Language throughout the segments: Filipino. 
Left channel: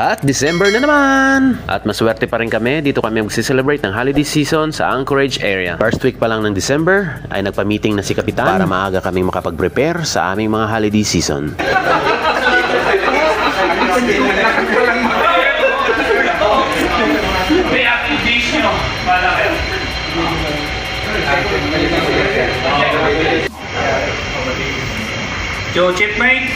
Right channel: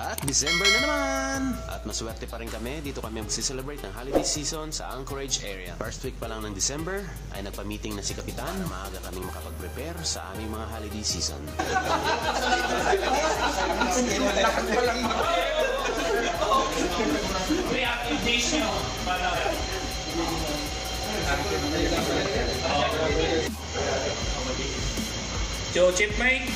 At December na naman! At maswerte pa rin kami, dito kami mag-celebrate ng holiday season sa Anchorage area. First week pa lang ng December ay nagpa-meeting na si Kapitan para maaga kaming makapag-prepare sa aming mga holiday season. Yo, chipmate,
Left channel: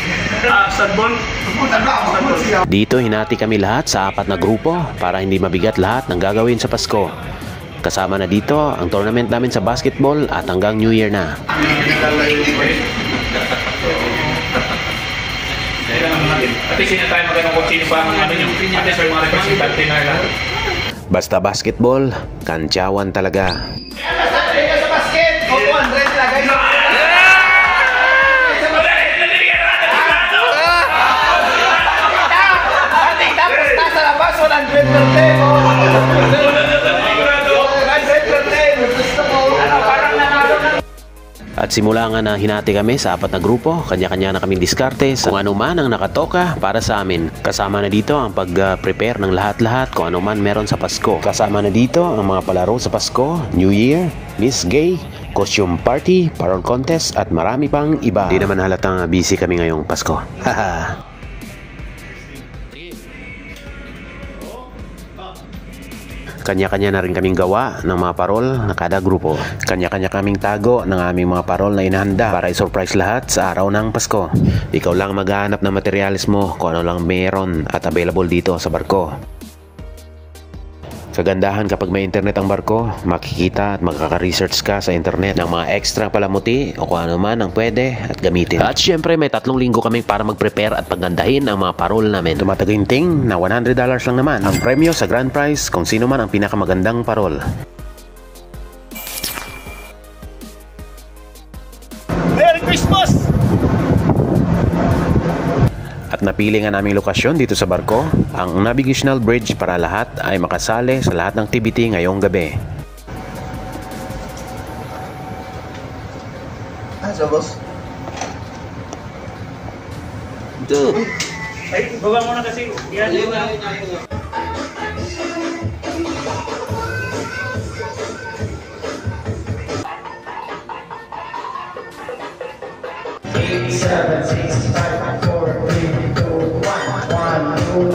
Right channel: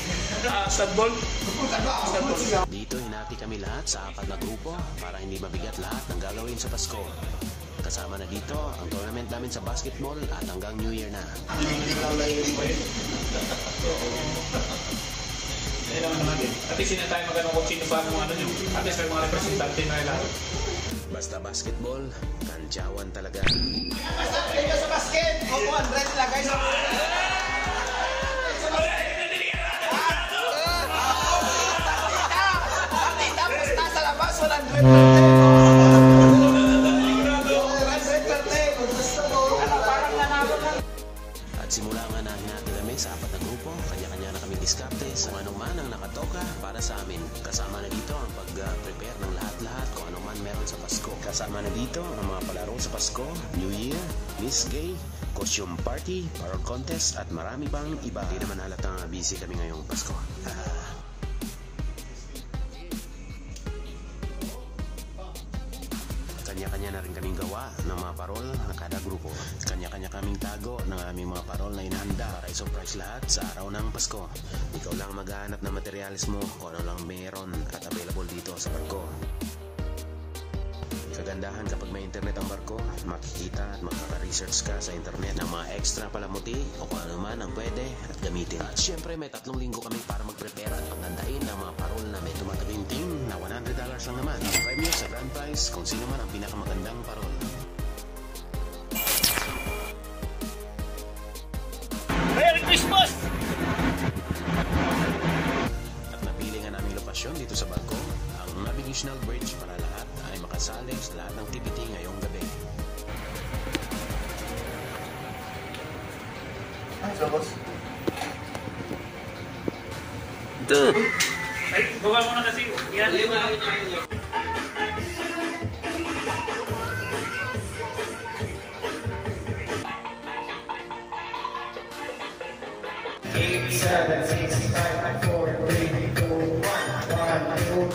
Dito hinati kami lahat sa 4 na grupo para hindi mabigat lahat ng gagawin sa Pasko. Kasama na dito ang tournament namin sa basketball at hanggang New Year na. Basta basketball, kantsawan talaga. At simula nga na hinati kami sa 4 na grupo, kanya-kanya na kaming diskarte sa kung ano man ang nakatoka para sa amin. Kasama na dito ang pag-prepare ng lahat-lahat kung ano man meron sa Pasko. Kasama na dito ang mga palaro sa Pasko, New Year, Miss Gay, costume party, parol contest at marami pang iba. Di naman halatang busy kami ngayong Pasko. Haha. Kanya-kanya na rin kaming gawa ng mga parol na kada grupo. Kanya-kanya kaming tago ng aming mga parol na inahanda para i-surprise lahat sa araw ng Pasko. Ikaw lang maghahanap ng materialis mo kung ano lang meron at available dito sa barko. Kagandahan kapag may internet ang barko, makikita at makaka-research ka sa internet ng mga extra palamuti o kung ano man ang pwede at gamitin. At syempre may 3 linggo kami para mag-prepare at paggandahin ang mga parol namin. Tumataginting na $100 lang naman ang premyo sa grand prize kung sino man ang pinakamagandang parol. Merry Christmas! At napili nga naming lokasyon dito sa barko, ang Navigational Bridge para lahat ay makasali sa lahat ng activity ngayong gabi. So boss? Ito. Ay, baba mo na kasi. Yan.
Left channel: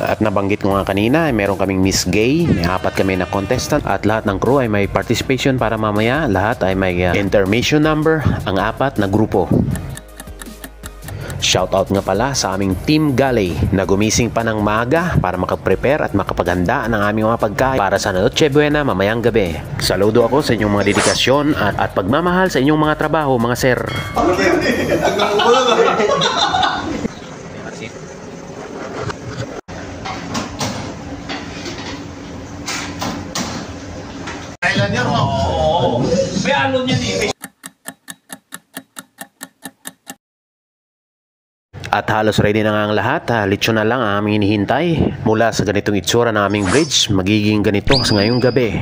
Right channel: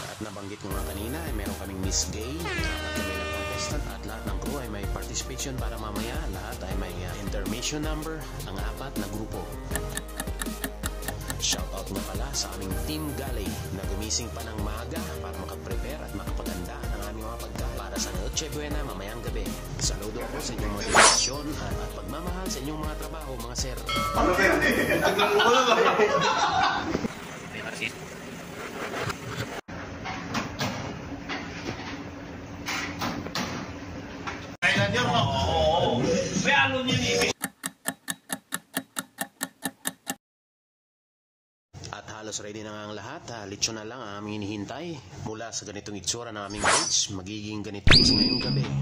At nabanggit ko nga kanina, meron kaming Miss Gay, may 4 kami na contestant at lahat ng crew ay may participation para mamaya lahat ay may intermission number ang 4 na grupo. Shoutout nga pala sa aming Team Galley na gumising pa ng maaga para makapag-prepare at makapaghanda ng aming mga pagkain para sa Noche Buena mamayang gabi. Saludo ako sa inyong mga dedikasyon at pagmamahal sa inyong mga trabaho, mga sir. At halos ready na nga ang lahat. Lechon na lang ang aming hinihintay. Mula sa ganitong itsura ng aming bridge, magiging ganito sa ngayong gabi.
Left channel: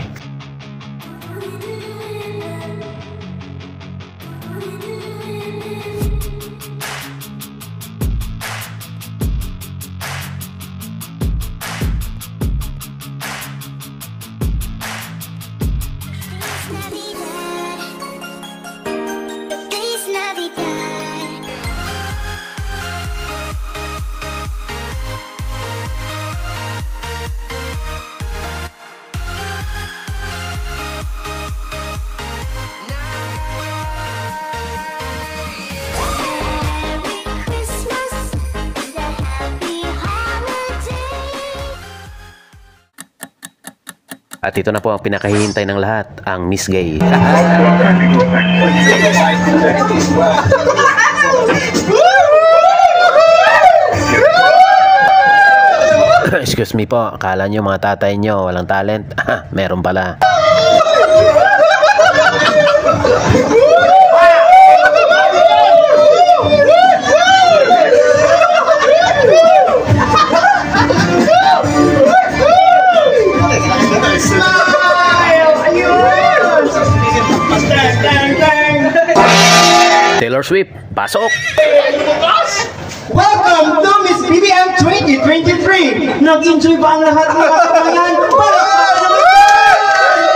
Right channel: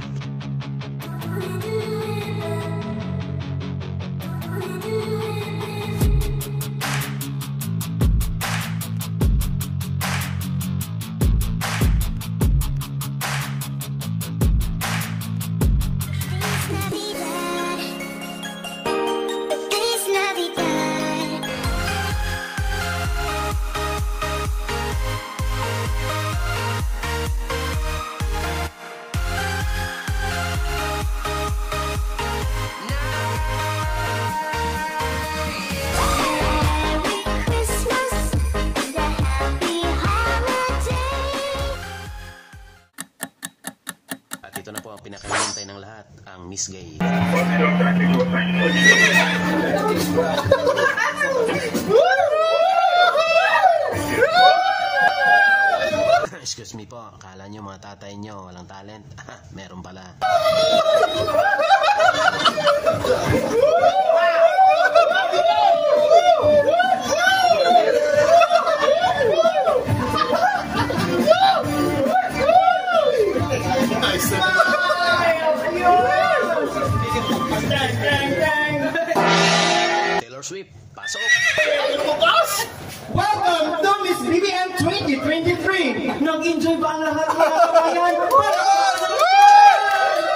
At ito na po ang pinakahihintay ng lahat, ang Miss Gay. Excuse me po, akala nyo mga tatay nyo walang talent? Meron pala. Taylor Swift, pasok! Welcome to Miss BBM 2023! Nag-enjoy ba ang lahat ng kasama yan?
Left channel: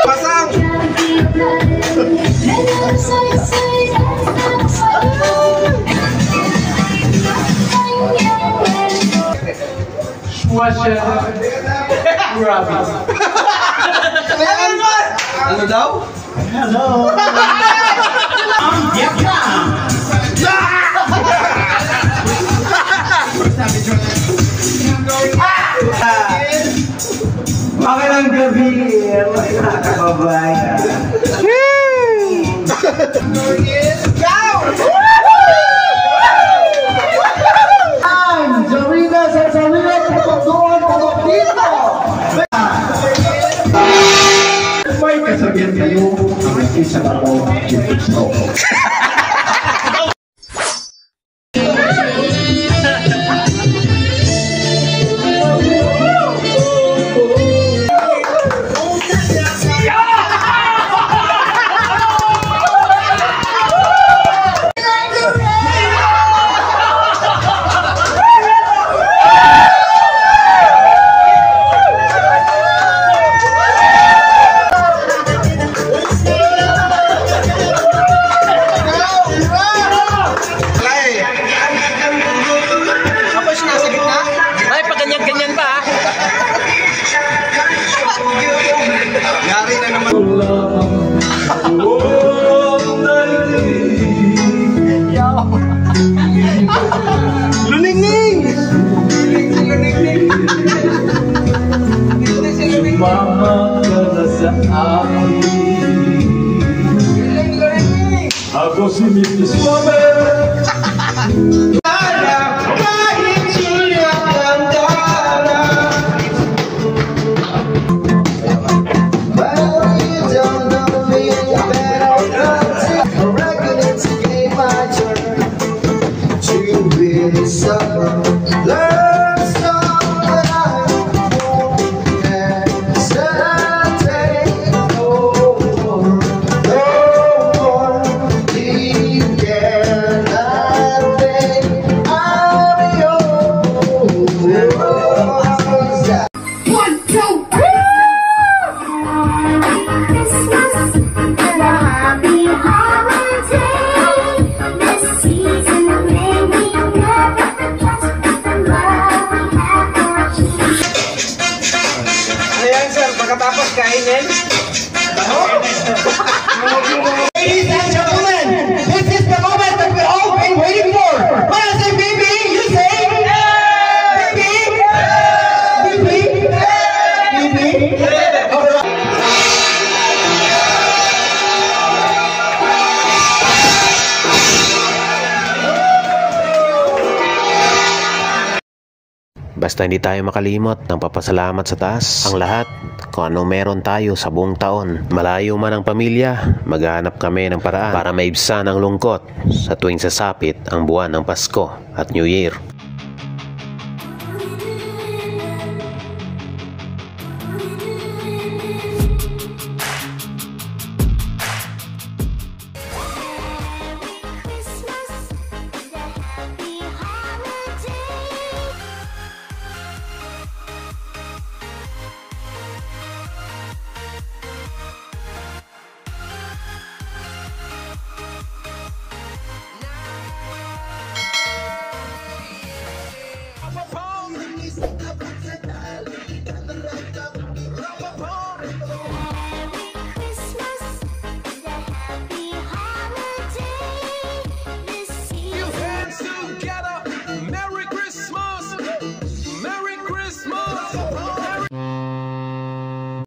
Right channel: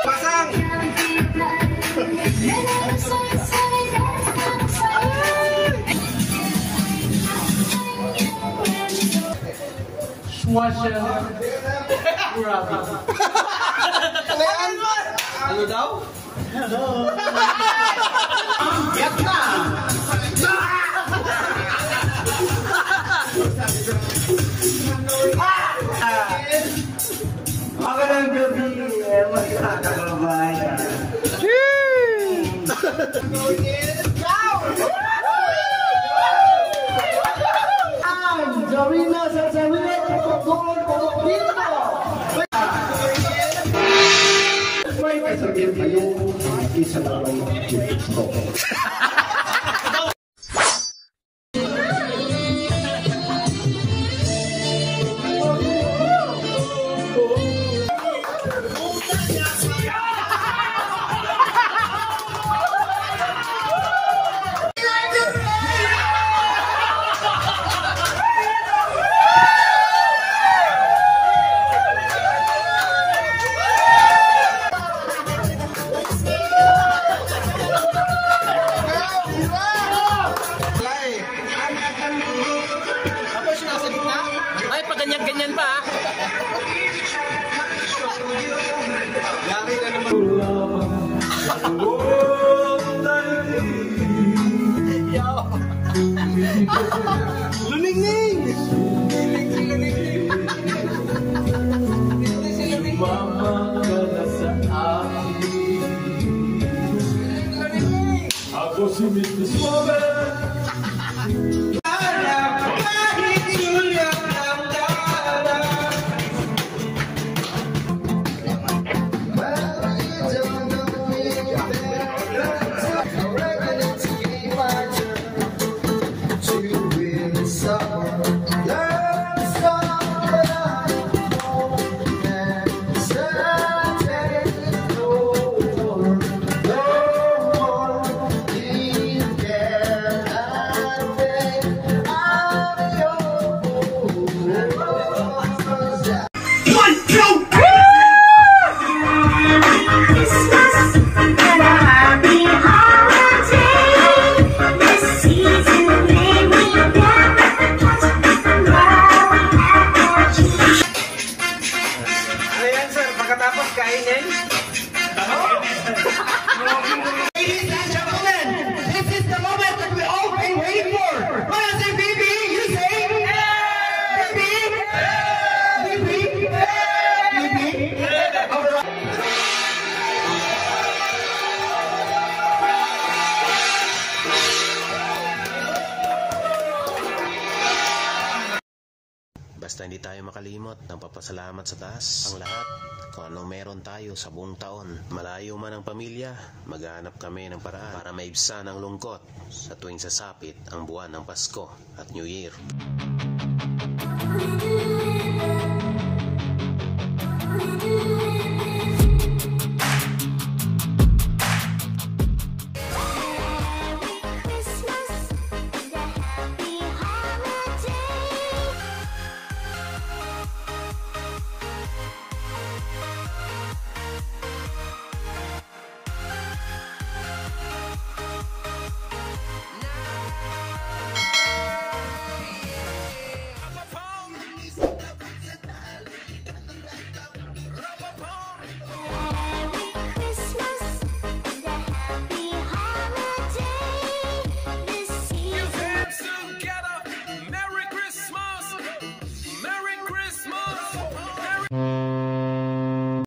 Pasang! Ano daw? Hello! Magandang gabi, mga kababayan. Sarina, Sarina, putok doon, putok dito! May kasabihan kayo, may isa lang ako, ito. Mama ka na sa akin. Ako si Mr. Swabber. Kahit sulit ang dara. Well, you don't know me better. I reckon it's a game I turn to be summer. Learn something I won't hesitate no more. You cannot think I'm yours. One, two, Christmas and a happy holiday. This season may we never get from where we have got you. Ayan sir, pagkatapos kainin. Ladies and gentlemen, this is the moment that we've all been waiting for. When I say baby, you say baby, baby, baby. Basta hindi tayo makalimot ng papasalamat sa taas ang lahat kung ano meron tayo sa buong taon. Malayo man ang pamilya, maghahanap kami ng paraan para maibsan ang lungkot sa tuwing sasapit ang buwan ng Pasko at New Year.